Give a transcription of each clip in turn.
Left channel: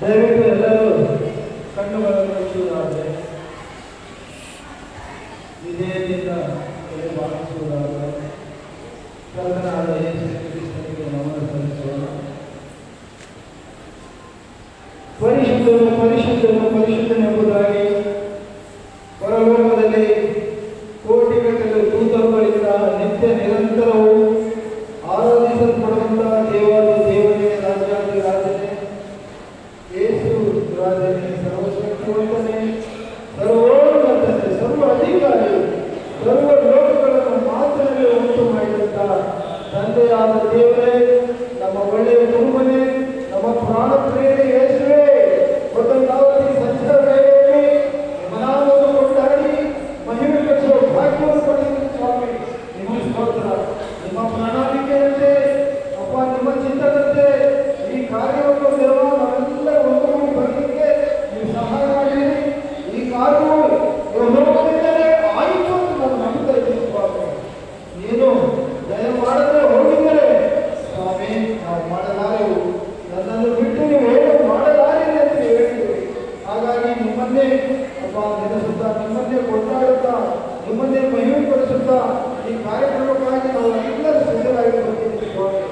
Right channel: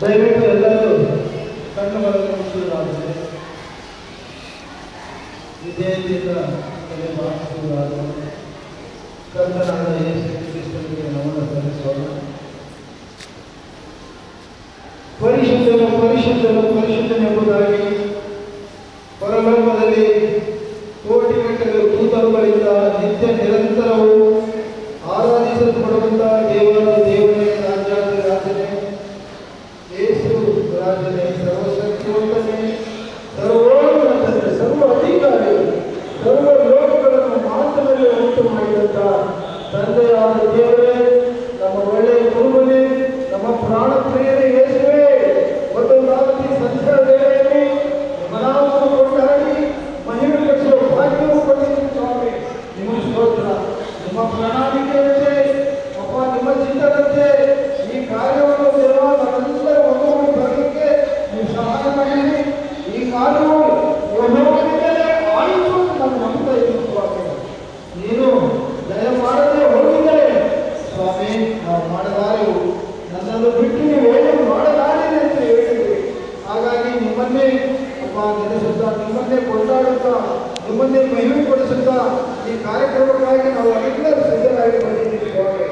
ದಯವಿಟ್ಟು ಎಲ್ಲರೂ ಕಣ್ಣುಗಳನ್ನು ಮುಚ್ಚುವುದಾದರೆ ವಿಧೇಯತೆಯಿಂದ ತಲೆ ಬಾಗಿಸುವುದಾದರೆ ಕರ್ತನಾದ ಯೇಸು ಕ್ರಿಸ್ತನಿಗೆ ನಮನ ಸಲ್ಲಿಸೋಣ. ಪರಿಶುದ್ಧನು ಪರಿಶುದ್ಧನು ಪರಿಶುದ್ಧನೆಂಬುದಾಗಿ ಪರಲೋಕದಲ್ಲಿ ಕೋಟಿಗಟ್ಟಲೆ ದೂತರುಗಳಿಂದ ನಿತ್ಯ ನಿರಂತರವೂ ಆರಾಧಿಸಲ್ಪಡುವಂತಹ ದೇವಾದಿ ದೇವನೇ, ರಾಜಾದಿ ರಾಜನೇ, ಯೇಸು ರಾಜನೇ, ಸರ್ವಶಕ್ತಿವಂತನೇ, ಸರ್ವೋನ್ನತನೇ, ಸರ್ವ ಅಧಿಕಾರಿ, ಸರ್ವ ಲೋಕಗಳನ್ನು ಮಾತಿನಲ್ಲಿ ಉಂಟು ಮಾಡಿದಂಥ ತಂದೆಯಾದ ದೇವರೇ, ನಮ್ಮ ಒಳ್ಳೆಯ ಕುರುಬನೇ, ನಮ್ಮ ಪ್ರಾಣ ಪ್ರಿಯರೇ ಯೇಸುವೇ, ಮತ್ತೊಂದಾವತಿ ಸಂಚಾರ ವೇಳೆಯಲ್ಲಿ ನಿಮ್ಮ ನಾಮವನ್ನು ಕೊಂಡಾಡಿ ಮಹಿಮೆ ಪಡಿಸುವ ಭಾಗ್ಯವನ್ನು ಕೊಟ್ಟಿದ್ದೀರಿ ಸ್ವಾಮಿ. ನಿಮ್ಮ ಸ್ತೋತ್ರ. ನಿಮ್ಮ ಪ್ರಣಾಳಿಕೆಯಂತೆ ಅಪ್ಪ, ನಿಮ್ಮ ಚಿತ್ತದಂತೆ ಈ ಕಾರ್ಯವನ್ನು ನಾವೆಲ್ಲರೂ ಒಗ್ಗೂಡಿ ಬರಲಿಕ್ಕೆ ನೀವು ಸಹಾಯ ಮಾಡಿರಿ. ಈ ಕಾರ್ಯವು ಯೆಹೋವನಿಂದಲೇ ಆಯಿತು ಅಂತ ನಾನು ನಂಬ್ತಾ ಇದ್ದೀನಿ ಸ್ವಾಮಿ. ನೀನು ದಯ ಮಾಡದೆ ಹೋಗಿದ್ದರೆ ಸ್ವಾಮಿ ನಾವು ಮಾಡಲಾರೆವು, ನನ್ನನ್ನು ಬಿಟ್ಟು ನೀವು ಏನು ಮಾಡಲಾರಿರಿ ಅಂತ ಹೇಳಿದ್ರಿ. ಹಾಗಾಗಿ ನಿಮ್ಮನ್ನೇ ಅಪ್ಪ ನೆನೆಸುತ್ತಾ, ನಿಮ್ಮನ್ನೇ ಕೊಂಡಾಡುತ್ತಾ, ನಿಮ್ಮನ್ನೇ ಮಹಿಮೆ ಪಡಿಸುತ್ತಾ ಈ ಕಾರ್ಯಕ್ರಮಕ್ಕಾಗಿ ನಾವು ಎಲ್ಲರೂ ಸಿದ್ಧರಾಗಿ ಬಂದಿದ್ದೀವಿ ಸ್ವಾಮಿ.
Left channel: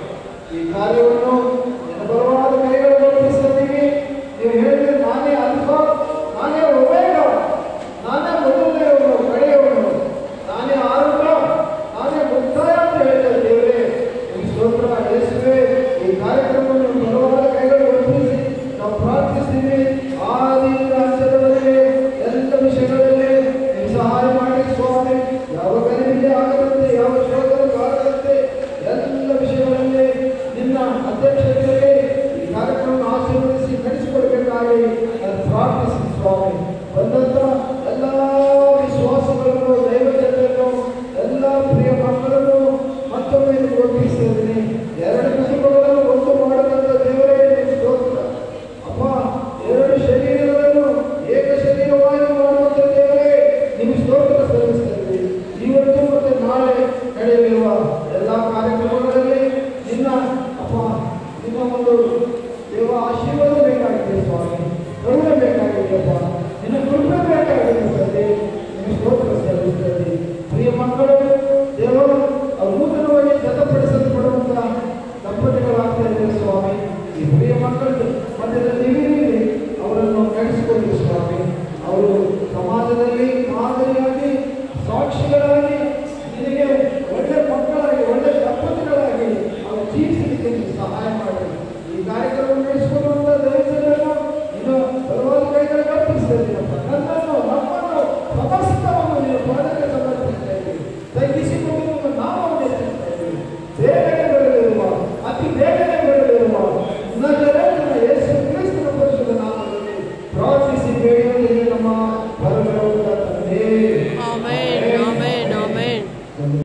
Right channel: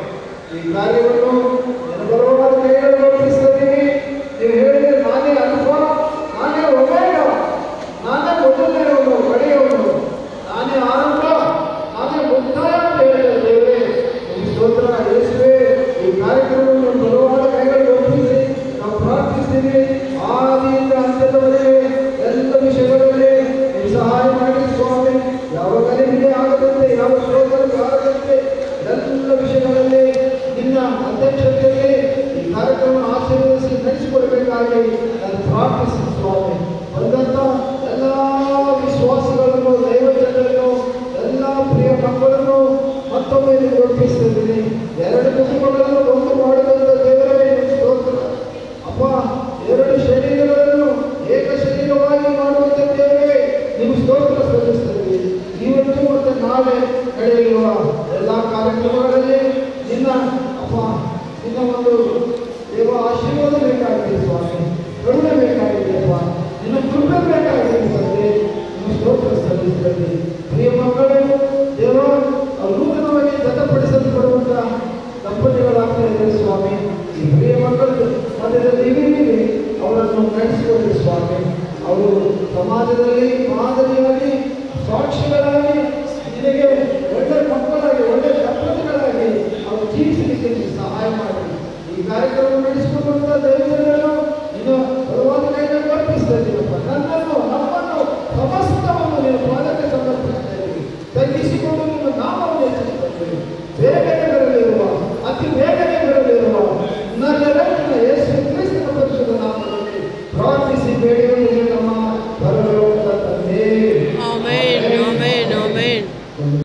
ಈ ಕಾರ್ಯವನ್ನು ಬಲವಾದ ಕೈಗಳನ್ನು ಒಪ್ಪಿಸಿದ್ದೀವಿ. ನೀವು ಹೇಳಿದರೆ ನಾನೇ ಅಲ್ಫಾ, ನಾನೇ ಒಮೇಗಾ, ನಾನೇ ಮೊದಲನೆಯವನು, ಕಡೆಯವನು, ನಾನೇ ಆರಂಭ, ನಾನೇ ಮುಕ್ತಾಯ ಅಂತ ಹೇಳಿದ ದೇವರೇ, ಈ ಸ್ತೋತ್ರ ಯೇಸುವೇ. ಈ ಕಾರ್ಯಕ್ರಮವನ್ನು ಬಲವಾದ ಕೈಗಳನ್ನು ಒಪ್ಪಿಸಿ ನಾವು ಪ್ರಾರ್ಥಿಸ್ತೀವಿ. ಆದಿಯಿಂದ ಅಂತ್ಯದವರೆಗೆ ಎಲ್ಲ ವಿಷಯಗಳಲ್ಲಿ ನೀವು ಸಹಾಯ ಮಾಡಿ ಸ್ವಾಮಿ. ಯಾವ ಗಲಿಬಿಲಿ ಆಗದಂತೆ, ಯಾವ ಶೋಧನೆ ಬಾರದಂತೆ ಎಲ್ಲ ವಿಷಯಗಳಲ್ಲಿ ನಿನ್ನ ಅಧ್ಯಕ್ಷತೆಯಲ್ಲಿ ಈ ಕಾರ್ಯಕ್ರಮವನ್ನು ಆಶೀರ್ವದಿಸಿ ನಡೆಸಿಕೊಡಬೇಕಾಗಿ ನಾನು ಪ್ರಾರ್ಥಿಸಿ ಸ್ವಾಮಿ. ಬಂದಂಥ ಎಲ್ಲ ವಿಶ್ವಾಸಗಳನ್ನು, ದೈವಜನರನ್ನು, ಎಲ್ಲ ಪ್ರಿಯ ಮಕ್ಕಳನ್ನು ಮತ್ತೊಮ್ಮೆ ಒಪ್ಪಿಸಿದ್ದೀನಿ. ಎರಡು ಕುಟುಂಬಗಳನ್ನು ಒಂದು ಮಾಡುವಂಥ ದೇವರೇ ಸ್ತೋತ್ರ ಅಪ್ಪ. ಎರಡು ಶರೀರಗಳನ್ನು ಏಕ ಶರೀರವಾಗಿ ಮಾಡುವಂಥ ದೇವರೇ ನೀವು ಸ್ತೋತ್ರ ಸಲ್ಲಿಸ್ತೀವಿ. ಇವತ್ತು ಮತ್ತು ನಾಳೆ ನಡೆಯಲಿರುವ ಎಲ್ಲ ಕಾರ್ಯಕ್ರಮಗಳಲ್ಲಿ ನಿನ್ನ ಅಪ್ಪ, ನಿನ್ನ ಒಂದು ದೇವ ಆಶೀರ್ವಾದ ಬೇಕಾಗಿದೆ ಸ್ವಾಮಿ, ಕರುಣೆ ಬೇಕಾಗಿದೆಯಪ್ಪ, ನಿನ್ನ ಕೃಪೆ ಬೇಕಾಗಿದೆ ತಂದೆ. ನಿಮ್ಮ ಸ್ತೋತ್ರ ಸಲ್ಲಿಸ್ತೀವಿ. ಪ್ರಿಯ ಮಕ್ಕಳು ದೇವ ನೂತನವಾಗಿ ಜತಪಡಿಸಲ್ಪಡುವಂಥ ದಂಪತಿಗಳಾಗ್ತಾ ಇದ್ದಾರೆ ಸ್ವಾಮಿ. ಈ ಪ್ರಿಯ ಮಕ್ಕಳು ಮಧ್ಯದಲ್ಲಿ ಅವರನ್ನು ನಡೆಸಿಕೊಳ್ಳಿ ಸ್ವಾಮಿ. ಅವರು ಸಮಾಜದಲ್ಲಿ ಮಾದರಿಯಾಗಿ, ಸಾಕ್ಷಿಗಳಾಗಿ, ನಿನಗೆ ಒಳ್ಳೆ ಮಕ್ಕಳಾಗಿ, ಒಳ್ಳೆ ದಂಪತಿಗಳಾಗಿ ಅವರು ಜೀವಿಸಲಿಕ್ಕೆ ನೀವು ಸಹಾಯ ಮಾಡಿ. ಈ ಕಾರ್ಯಕ್ರಮ ನಡೆಸಿಕೊಳ್ಳುವಂಥ ದೈವಜನರು